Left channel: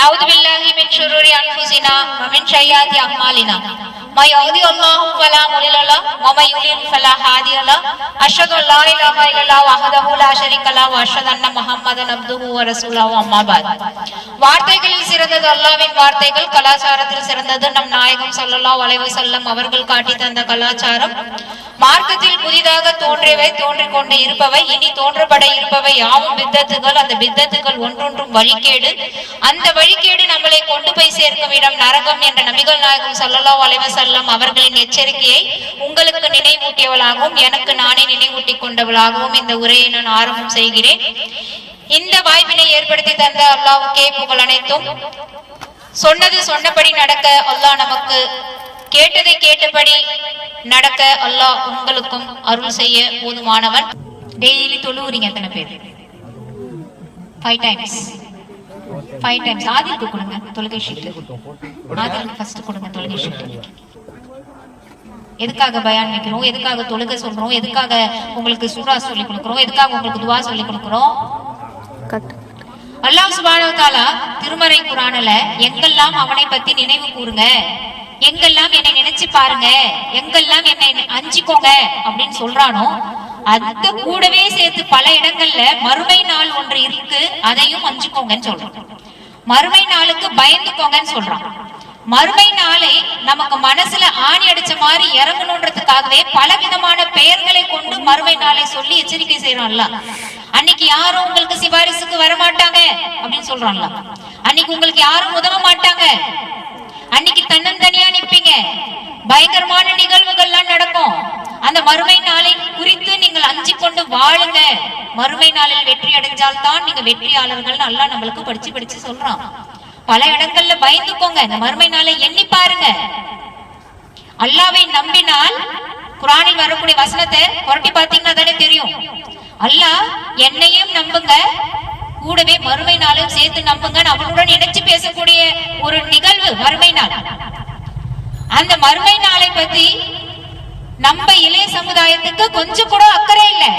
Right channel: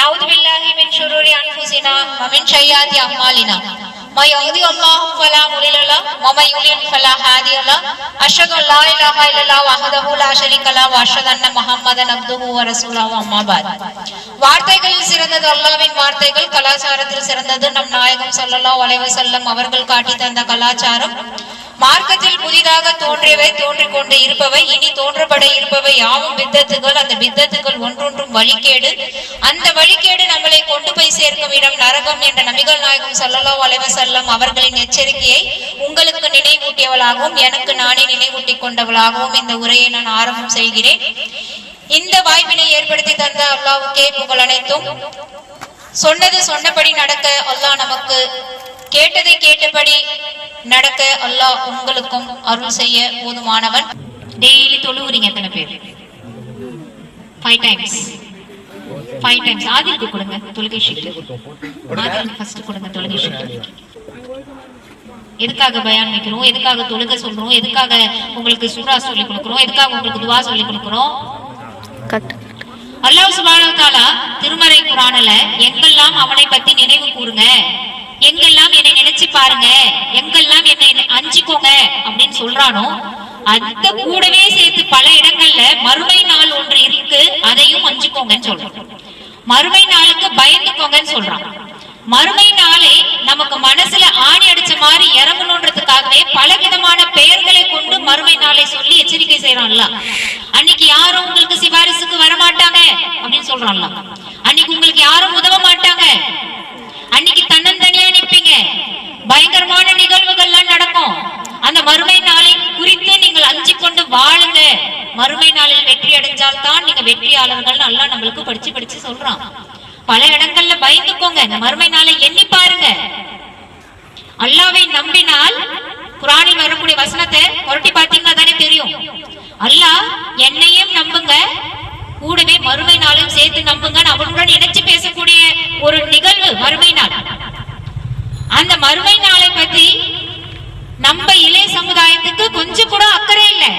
نعوذ بالله من شرور أنفسنا ومن سيئات أعمالنا ما يهدي الله فلا مضل له ومن يضلل فلا هادي له أشهد أن لا إله إلا الله وحده لا شريك له وأشهد أن محمدا عبده ورسوله أما بعد வார்த்தைகளில் சிறந்தது அல்லாஹ்வின் வார்த்தைகள், கலாச்சாரத்தில் சிறந்தது நம் நாயகம் ஸல்லல்லாஹு அலைஹி வஸல்லம் அவர்கள் காட்டி தந்த கலாச்சாரம். மார்க்கத்தில் புதிதாக தோன்றியவை, தோன்றிக் கொண்டு இருப்பவை, இனி தோன்றப்பட இருப்பவை யாவும் பித்தத்துகள். அந்த பித்தத்துகள் ஒன்றொன்றும் வழிகேடு. அந்த வழிகேடு நம்மளை கொண்டு போய் சேர்க்கும் இடம் நரகம் என்ற நபிகள் நாயகம் ஸல்லல்லாஹு அலைஹி வஸல்லம் அவர்களின் எச்சரிக்கையை உங்களுக்கு நினைவூட்டியவளாகவும் எனக்கு நானே நினைவூட்டிக் கொண்டவளாகவும் இந்த உரையை நான் ஆரம்பம் செய்கிறேன். இந்த வாய்ப்பினை ஏற்படுத்தி தந்த அல்லாஹ்வுக்கே புகழ் அனைத்தும். சொன்னது சொன்னபடி நடக்க அல்லாஹ் நமக்கு, கேட்டதை கேட்டபடி நடக்க அல்லாஹ் உங்களுக்கும் அருள் செய்ய போதுமானவன். டெய்லி தொழுவுறீங்க எத்தனை பேர்? 5 times. ஆதிலுக்கு கொடுங்க தொழுகை ஷீட். ஆதிலுக்கு ஃபர்ஸ்ட் கொடுங்க தொழுகை ஷீட். எதுக்காக பயான் வைக்கிறோம், எதுக்காக தொழுகை சொல்றோம், எதுக்காக உங்களுக்கு சூரா சொல்லி கொடுக்கிறோம், எதுக்காக உங்களுக்கு துவா சொல்லி கொடுக்கிறோம்? அல்லாஹ் சுப்ஹானஹு வ தஆலா திருமறை குர்ஆன்ல எங்கெல்லாம் அவனை பத்தி நினைவு கூறுங்க, எங்கெல்லாம் என்னை நினைச்சு பாருங்க, எங்கெல்லாம் என்னை அஞ்சிக்கோங்க அப்படின்னு சொல்றானோ அந்த கூடவே சேர்த்து பல இடங்கள்ல மறுமை நாள் ஒன்று இருக்கு, அதையும் அஞ்சுக்கோங்கன்னு சொல்றான். மறுமை நாளுக்கு பயந்துக்கோங்கன்னு சொல்றான். மறுமை நாளை நமக்கு மனசுல ஆணி அடிச்ச மாதிரி இறங்கணுன்றதுக்காகவே பலவிதமான பெயர்களை கொண்டு மறுமை நாளை சொல்லி எச்சரிக்கை செய்யறான்ல. அன்னைக்கு யாரும் உங்களுக்கு சிபாரிசுக்கு வரமாட்டாங்க அப்படின்னு சொல்றான்ல. அன்னைக்கு உங்களுக்கு யாரும் உதவ மாட்டாங்க. அன்னைக்கு தன்னந்தனியா நிற்பீங்க. பயங்கரமான நிகழ்வுகள்லாம் நடக்கும். அந்த மறுமை நாளை குறித்து நீங்கள் அஞ்சி கொண்டு வாழுங்க. மறுமை நாளில் வெற்றி அடைஞ்சால் தான் நீங்க வெற்றியாளர்கள் அல்லாஹ் நம்மளுக்கு படிச்சு சொல்றான். பல இடங்கள்ல பயந்துக்கோங்க. இந்த மறுமை நாளை எண்ணி பாருங்க. அல்லாஹ்வை நம்பினால் குர்ஆனில் வரக்கூடிய வசனத்தை புரட்டி பார்த்தீங்கன்னா தானே தெரியும். அல்லாஹ் என்னையும் நம்புங்க, கூடவே மறுமை நாளையும் சேர்த்து நம்புங்க, அவனுடன் இணைச்சு பேசக்கூடிய ஒரு நிகழ்வு மறுமை நாள். அந்த மறுமை நாளை பத்தி நம்ம இளைய சமுதாயத்துக்கு கொஞ்சம் கூட அக்கறை இல்லை,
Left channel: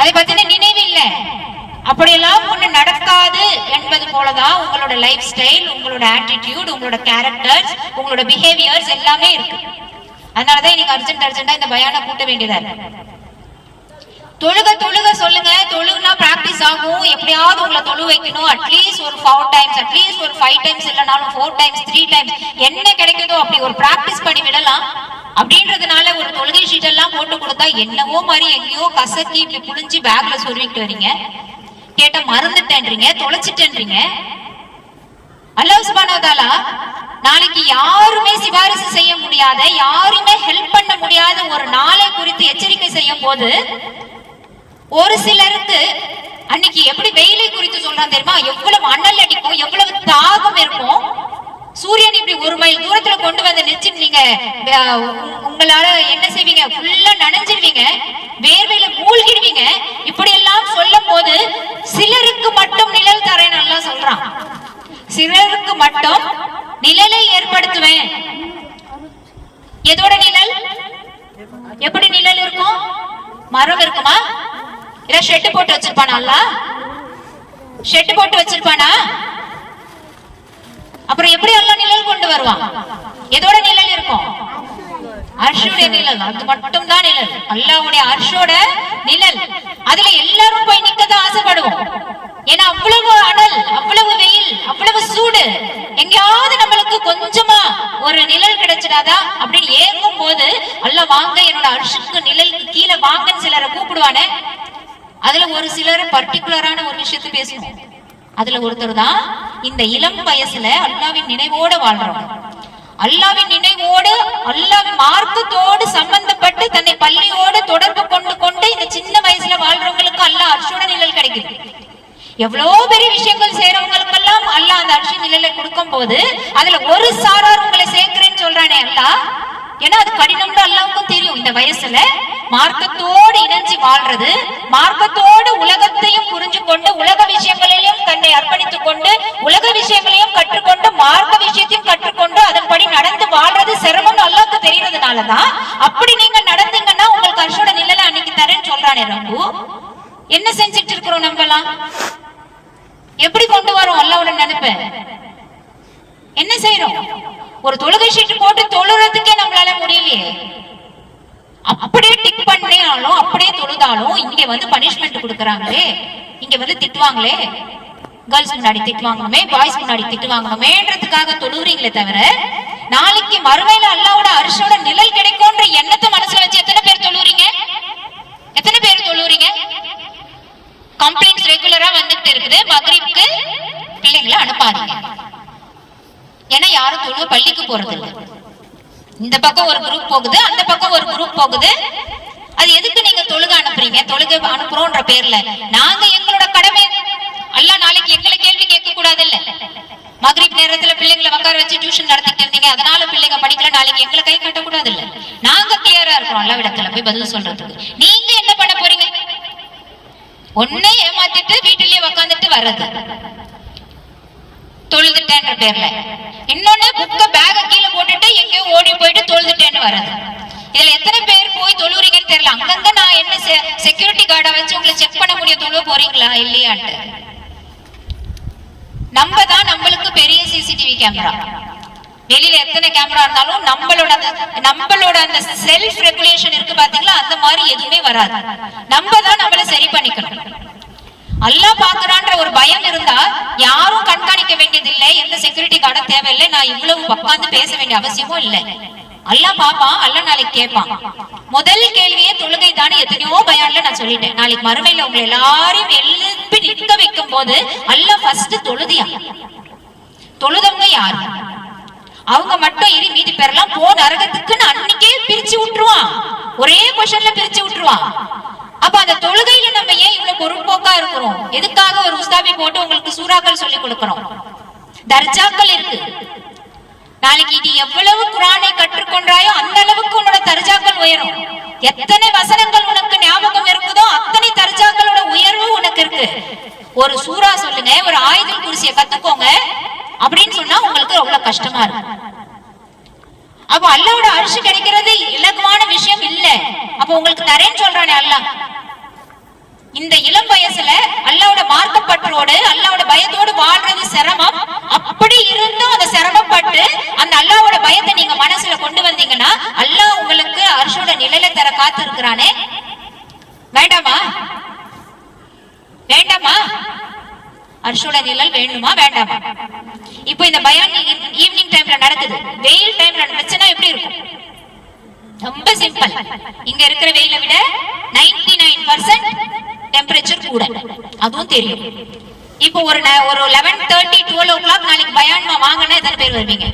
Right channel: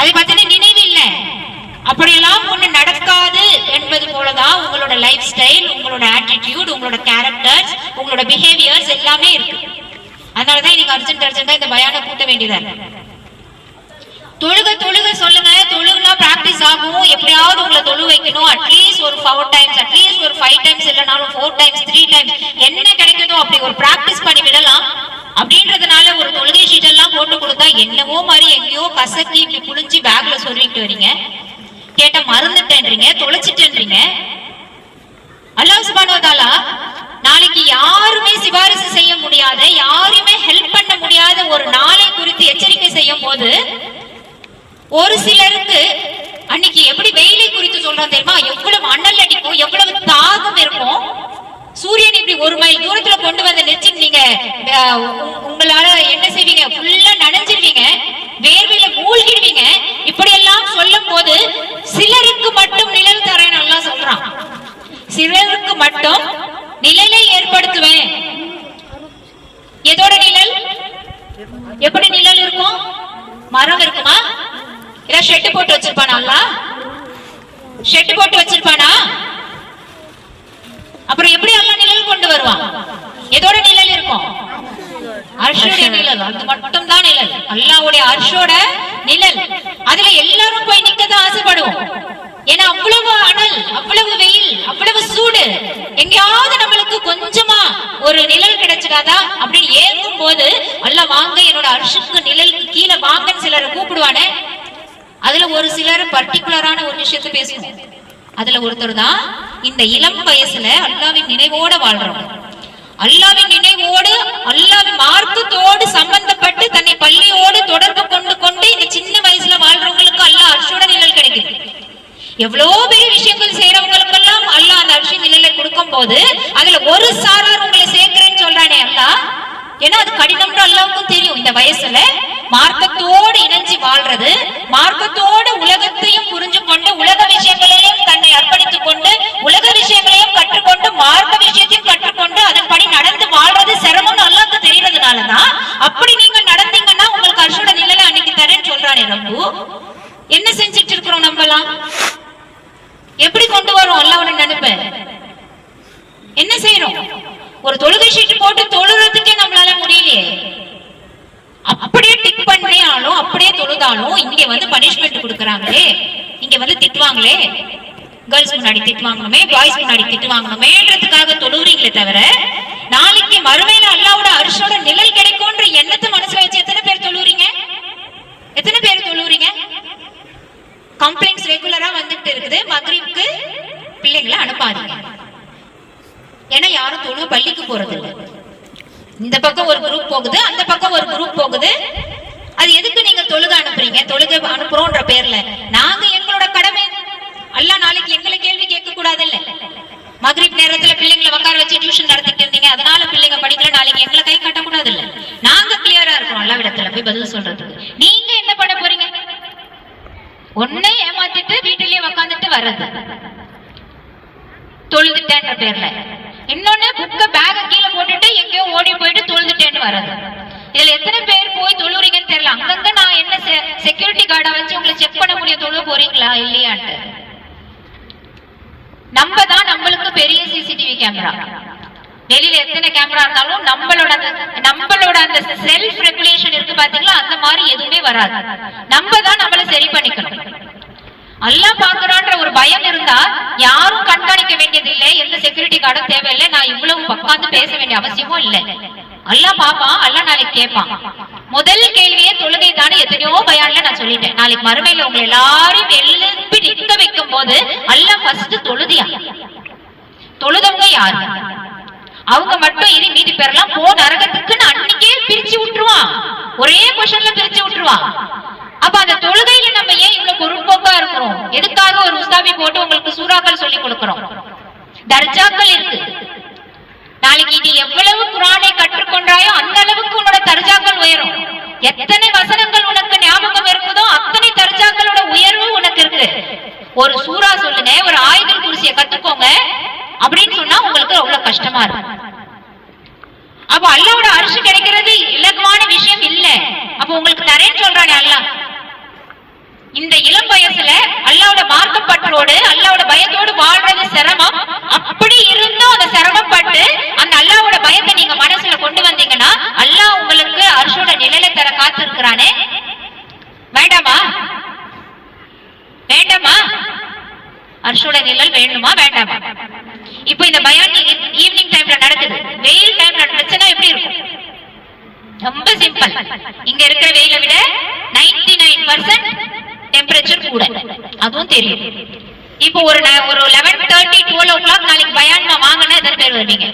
அதை பத்தின நினைவு இல்லை. அப்படியெல்லாம் ஒண்ணு நடக்காது என்பது போலதான் உங்களோட லைஃப் ஸ்டைல், உங்களோட ஆட்டிடியூட், உங்களோட கேரக்டர்ஸ், உங்களோட பிஹேவியர்ஸ் எல்லாமே இருக்கு. அதனாலதான் இன்னைக்கு அர்ஜென்டா இந்த பயானை கூட்ட வேண்டியதா இருக்கு. தொழுக சொல்லுங்க. தொழுகுனா பிராக்டிஸ் ஆகும். எப்படியாவது உங்களை தொழு வைக்கணும். அட்லீஸ்ட் ஒரு 4 times, அட்லீஸ்ட் ஒரு 5 times, இல்லைனாலும் 4 times, 3 times என்ன கிடைக்குதோ அப்படி ஒரு பிராக்டிஸ் பண்ணி விடலாம். அப்படின்றதுனால ஒரு தொழுகை ஷீட் எல்லாம் போட்டு கொடுத்தா என்னவோ மாதிரி எங்கேயோ கசக்கி இப்படி புளிஞ்சு பேக்ல சொருவிட்டு வரீங்க. கேட்ட மறந்துட்டேன்றீங்க, தொலைச்சிட்டேன்றீங்க. அல்லாஹ் சுப்ஹானஹு வ தஆலா நாளைக்கு யாருமே சிபாரிசு செய்ய முடியாத, யாருமே ஹெல்ப் பண்ண முடியாத ஒரு நாளை குறித்து எச்சரிக்கை செய்யும் போது ஒரு சிலருக்கு அன்னைக்கு எப்படி வெயிலை குறித்து சொல்றான் தெரியுமா? எவ்வளவு அனல் அடிக்கும், எவ்வளவு தாகம் இருக்கும். சூரியன் இப்படி 1 மைல் தூரத்துல கொண்டு வந்து நிச்சு நீங்க உங்களால என்ன செய்வீங்க? ஃபுல்லா நனைஞ்சிருவீங்க, வேர்வையில மூழ்கிடுவீங்க. இப்படி எல்லாம் சொல்லும் போது சிலருக்கு மட்டும் நிழல் தரேன் எல்லாம் சொல்றான். சிலருக்கு மட்டும் நிழலை ஏற்படுத்துவேன். எதோட நிழல்? எப்படி நிழல் இருக்கும்? மரம் இருக்குமா? இல்ல ஷெட் போட்டு வச்சிருப்பானா? அல்லாஹ் ஷெட் போட்டு வச்சிருப்பானா? அப்புறம் எப்படி அல்லாஹ் நிழல் கொண்டு வருவான்? எதோட நிழல் இருக்கும்? அர்ஷோட நிழல். அது மட்டும் தான் நிழல், அல்லாஹ்வுடைய அர்ஷோட நிழல். அதுல எல்லாரும் போய் நிக்கதான் ஆசைப்படுவோம். ஏன்னா அவ்வளவு அனல், அவ்வளவு வெயில், அவ்வளவு சூடு. எங்கேயாவது நம்மளுக்கு கொஞ்சமா ஒரு நிழல் கிடைச்சிடாதா அப்படின்னு ஏங்கும் போது அல்லாஹ் வாங்க என்னோட அர்ஷுக்கு நிழலுக்கு கீழே வாங்கன்னு சிலரை கூப்பிடுவானே. அதுல ஒரு சிலர் பர்டிகுலரான ஒரு விஷயத்தை பேசணும். அதுல ஒருத்தர் தான் இந்த இளம் வயசுல அல்லாஹ்வின் நினைவோட வாழ்றோம். அல்லாஹ்வின் நினைவோடு, அல்லாஹ்வின் மார்க்கத்தோடு சம்பந்தப்பட்டு தன்னை பள்ளியோடு தொடர்பு கொண்டு இந்த சின்ன வயசுல வாழ்றவங்களுக்கு அல்லாஹ் அர்ஷோட நிழல் கிடைக்குது. எவ்வளவு பெரிய விஷயங்கள் செய்யறவங்களுக்கெல்லாம் அல்லாஹ் அந்த அர்ஷ நிழலை கொடுக்கும் போது அதுல ஒரு சாரார் உங்களை சேர்க்கிறேன்னு சொல்றானே அல்லாஹ். ஏன்னா அது கடினம்னு அல்லாஹ்வுக்கும் தெரியும். இந்த வயசுல மார்க்கத்தோடு இணைஞ்சு வாழ்றது, மார்க்கத்தோடு உலகத்தையும் புரிஞ்சு கொண்டு, உலக விஷயங்களையும் தன்னை அர்ப்பணித்துக் கொண்டு, உலக விஷயங்களையும் கற்றுக்கொண்டு, மார்க்க விஷயத்தையும் கற்றுக்கொண்டு அதன்படி நடந்து வாழ்றது சிரமம்னு அல்லாஹ்வுக்கு தெரியறதுனாலதான் அப்படி நீங்க நடந்தீங்கன்னா உங்களுக்கு அர்ஷோட நிழலை அன்னைக்கு தரேன்னு சொல்றானே ரப்பு. என்ன செஞ்சிட்டு இருக்கிறோம் நம்மலாம்? எப்படி கொண்டு வரோம் அல்லாஹ்வோட நினைப்ப? என்ன செய்யறோம்? ஒரு தொழுகை ஷீட் போட்டு தொழுறதுக்கே நம்மளால முடியலையே. அப்படியே டிக் பண்ணியாலும் அப்படியே தொழுதாலும் இங்க வந்து பனிஷ்மெண்ட் கொடுக்கறாங்களே, இங்க வந்து திட்டுவாங்களே, கேர்ள்ஸ் முன்னாடி திட்டு வாங்கணுமே, பாய்ஸ் முன்னாடி திட்டு வாங்கணுமேன்றதுக்காக தொழுறீங்களே தவிர, நாளைக்கு மறுமையில அல்லாஹ்வோட அர்ஷோட நிழல் கிடைக்கும்ன்ற எண்ணத்தை மனசுல வச்சு எத்தனை பேர் தொழுறீங்க? எத்தனை பேர் தொழுறீங்க? கம்ப்ளைண்ட்ஸ் ரெகுலரா வந்துட்டு இருக்குது. மக்ரிப்க்கு பிள்ளைங்களை அனுப்பாதீங்க, ஏன்னா யாரும் தொழு பள்ளிக்கு போறது இல்லை. இந்த பக்கம் ஒரு குரூப் போகுது, அந்த பக்கம் ஒரு குரூப் போகுது. அது எதுக்கு நீங்க தொழுக அனுப்புறீங்க? தொழுக அனுப்புறோம்ன்ற பேர்ல நாங்க எங்களோட கடமை, அல்லாஹ் நாளைக்கு எங்களை கேள்வி கேட்க கூடாது இல்ல. மக்ரிப் நேரத்துல பிள்ளைங்களை உட்கார வச்சு டியூஷன் நடத்திட்டு இருந்தீங்க, அதனால பிள்ளைங்க படிக்கல, நாளைக்கு எங்களை கை காட்ட கூடாது இல்ல. நாங்க கிளியரா இருக்கோம் அல்லாஹ் இடத்துல போய் பதில் சொல்றதுக்கு. நீங்க என்ன பண்ண போறீங்க? ஒன்னே ஏமாத்திட்டு வீட்டிலேயே உட்காந்துட்டு வர்றது தொழுதுட்டேன்ற பேர்ல, இன்னொன்னு புக்க பேக கீழே போட்டுட்டு எங்கேயோ ஓடி போயிட்டு தொழுதுட்டேன்னு வர்றது. இதுல எத்தனை பேர் போய் தொழுறீங்கன்னு தெரியல. அங்கங்க நான் என்ன செக்யூரிட்டி கார்டை வச்சு உங்களை செக் பண்ண முடியும் தொழு போறீங்களா இல்லையான்ட்டு. நம்ம தான் நம்மளுக்கு பெரிய சிசிடிவி கேமரா. வெளியில எத்தனை கேமரா இருந்தாலும் நம்மளோட அந்த செல்ஃப் ரெகுலேஷன் இருக்கு பாத்தீங்களா, அந்த மாதிரி எதுவுமே வராது. நம்ம தான் நம்மள சரி பண்ணிக்கணும். அல்லாஹ் பாக்குறான்ற ஒரு பயம் இருந்தா யாரும் கண்காணிக்க வேண்டியது இல்லை, எந்த செக்யூரிட்டி கார்டும் தேவையில்லை, நான் இவ்வளவு உட்கார்ந்து பேச வேண்டிய அவசியமும் இல்லை. அல்லாஹ் பாப்பான், அல்லாஹ் நாளைக்கு கேட்பான். முதல் கேள்வியே தொழுகை தானே எத்தனையோ பயான்ல நான் சொல்லிட்டேன். நாளைக்கு மறுமையில உங்களை எல்லாரையும் எழுப்பி நிற்க வைக்கும் போது அல்லாஹ் ஃபர்ஸ்ட் தொழுதியா? தொழுதவங்க யாரு? அவங்க மட்டும் இனி மீதி பேரெல்லாம் போ நரகத்துக்குன்னு அன்னைக்கே பிரிச்சு விட்டுருவான். ஒரே கொஸ்டின்ல பிரிச்சு விட்டுருவான். அப்ப அந்த தொழுகையில நம்ம ஏன் இவ்வளவு பொறுப்போக்கா இருக்கிறோம்? எதுக்காக ஒரு உஸ்தாபி போட்டு உங்களுக்கு சூறாக்கள் சொல்லி கொடுக்கிறோம்? தர்ஜாக்கள் இருக்கு. நாளைக்கு நீ எவ்வளவு குர்ஆனை கற்றுக்கொண்டாயோ அந்த அளவுக்கு உன்னோட தர்ஜாக்கள் உயரும். எத்தனை வசனங்கள் உனக்கு ஞாபகம் இருக்குதோ அத்தனை தர்ஜாக்களோட உயர்வு உனக்கு இருக்கு. ஒரு சூரா சொல்லுங்க, ஒரு ஆயத்துல் குர்சியை கத்துக்கோங்க அப்படின்னு சொன்னா உங்களுக்கு அவ்வளவு கஷ்டமா இருக்கும். அப்ப அல்லாஹ்வோட அர்ஷ் கிடைக்கிறது இலகுவான விஷயம் இல்ல. அப்ப உங்களுக்கு தரேன்னு சொல்றானே அல்லாஹ். இந்த இளம் வயசுல அல்லாஹ்வோட மார்க்கப்பற்றோடு அல்லாஹ்வோட பயத்தோடு வாழ்றது சிரமம். அப்படி இருந்தும் அந்த சிரமப்பட்டு அந்த அல்லாஹ்வோட பயத்தை நீங்க மனசுல கொண்டு வந்தீங்கன்னா அல்லாஹ் உங்களுக்கு அர்ஷோட நிழலை தர காத்து இருக்கிறானே. வேண்டாமா? வேண்டாமா? அர்ஷோட நிழல் வேணுமா வேண்டாமா? இப்போ இந்த பயான் ஈவினிங் டைம்ல நடக்குது. வெயில் டைம்ல நடந்துச்சுன்னா எப்படி இருக்கும்? ரொம்ப சிம்பிள். இங்க இருக்கிற வெயில விட 99% டெம்பரேச்சர் கூட, அதுவும் தெரியும். இப்போ ஒரு 11:30 12 o'clock நாளைக்கு பயான் வாங்கினா எத்தனை பேர் வருவீங்க?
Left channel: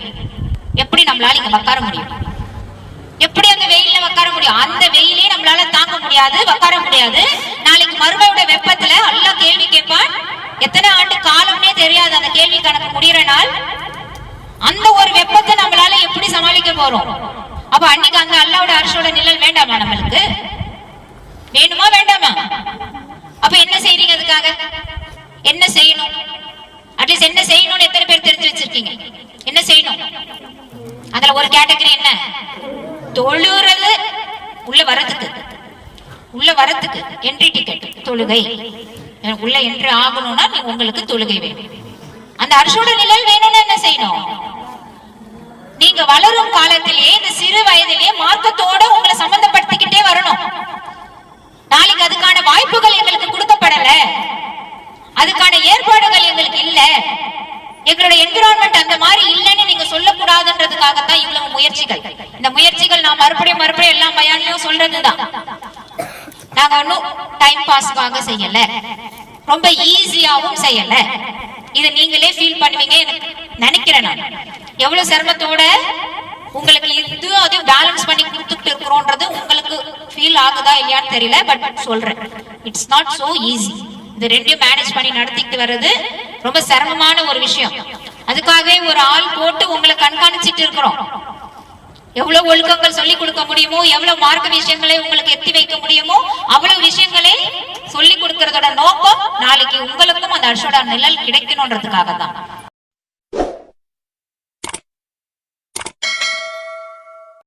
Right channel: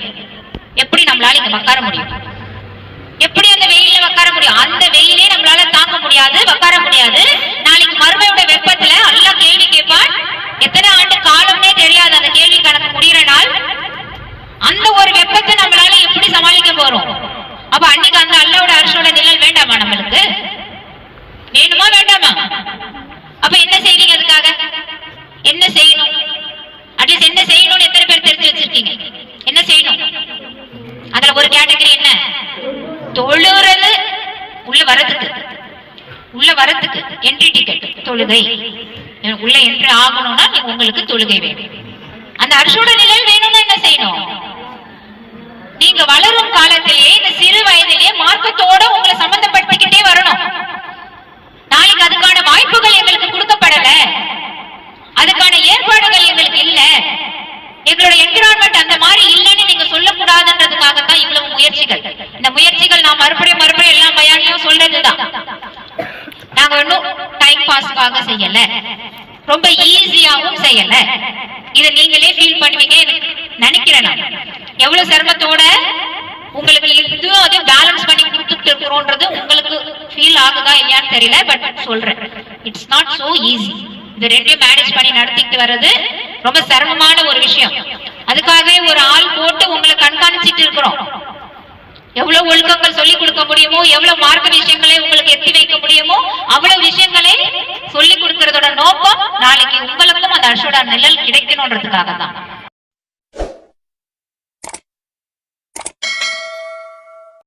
எப்படி நம்மளால இங்க உட்கார முடியும்? எப்படி அந்த வெயில்ல உட்கார முடியும்? அந்த வெயிலே நம்மளால தாங்க முடியாது, உட்கார முடியாது. நாளைக்கு மறுமையோட வெப்பத்துல அல்லாஹ் கேள்வி கேட்பான். எத்தனை ஆண்டு காலம்னே தெரியாது அந்த கேள்வி கணக்கு முடிகிற நாள். அந்த ஒரு வெப்பத்தை நம்மளால எப்படி சமாளிக்க போறோம்? அப்ப அன்னைக்கு அந்த அல்லாஹ்வோட அர்ஷோட நிழல் வேண்டாமா? நம்மளுக்கு வேணுமா வேண்டாமா? அப்ப என்ன செய்றீங்க? அதுக்காக என்ன செய்யணும்? அட்லீஸ்ட் என்ன செய்யணும்னு எத்தனை பேர் தெரிஞ்சு வச்சிருக்கீங்க? என்ன செய்யணும்? அதுல ஒரு கேட்டகரி என்ன? தொழுறது, உள்ள வரதுக்கு என்ட்ரி டிக்கெட் தொழுகை. உள்ள என்ட்ரி ஆகணும்னா உங்களுக்கு தொழுகை வேணும். அந்த அர்ஷோட நிழல் வேணும்னா என்ன செய்யணும்? நீங்க வளரும் காலத்திலேயே இந்த சிறு வயதிலேயே மார்க்கத்தோட உங்களை சம்பந்தப்படுத்திக்கிட்டே வரணும். நாளைக்கு அதுக்கான வாய்ப்புகள் எங்களுக்கு கொடுக்கப்படல, அதுக்கான ஏற்பாடுகள் எங்களுக்கு இல்ல, எங்களோட என்விரான்மெண்ட் அந்த மாதிரி இல்லைன்னு நீங்க சொல்லக்கூடாதுன்றதுக்காகத்தான் இவ்வளவு முயற்சிகள். இந்த முயற்சிகள் நான் மறுபடியும் எல்லா பயான்லயும் சொல்றதுதான். நாங்க ஒன்னும் டைம் பாஸ்க்காக செய்யல, ரொம்ப ஈஸியாவும் செய்யல. இதை நீங்களே ஃபீல் பண்ணுவீங்க நினைக்கிறேன். நான் எவ்வளவு சிரமத்தோட உங்களுக்கு இதுவும் அதையும் பேலன்ஸ் பண்ணி கொடுத்துட்டு இருக்கிறோன்றது உங்களுக்கு ஃபீல் ஆகுதா இல்லையான்னு தெரியல. பட் சொல்றேன், இட்ஸ் நாட் சோ ஈஸி. இது ரெண்டையும் மேனேஜ் பண்ணி நடத்திட்டு வர்றது ரொம்ப சிரமமான ஒரு விஷயம். அதுக்காகவே ஒரு ஆள் போட்டு உங்களை கண்காணிச்சிட்டு இருக்கிறோம். எவ்வளவு ஒழுக்கங்கள் சொல்லி கொடுக்க முடியுமோ, எவ்வளவு மார்க்க விஷயங்களை உங்களுக்கு எத்தி வைக்க முடியுமோ அவ்வளவு விஷயங்களை சொல்லி கொடுக்கறதோட நோக்கம் நாளைக்கு உங்களுக்கும் அந்த அர்ஷோட நிழல் கிடைக்கணும்ன்றதுக்காக தான்.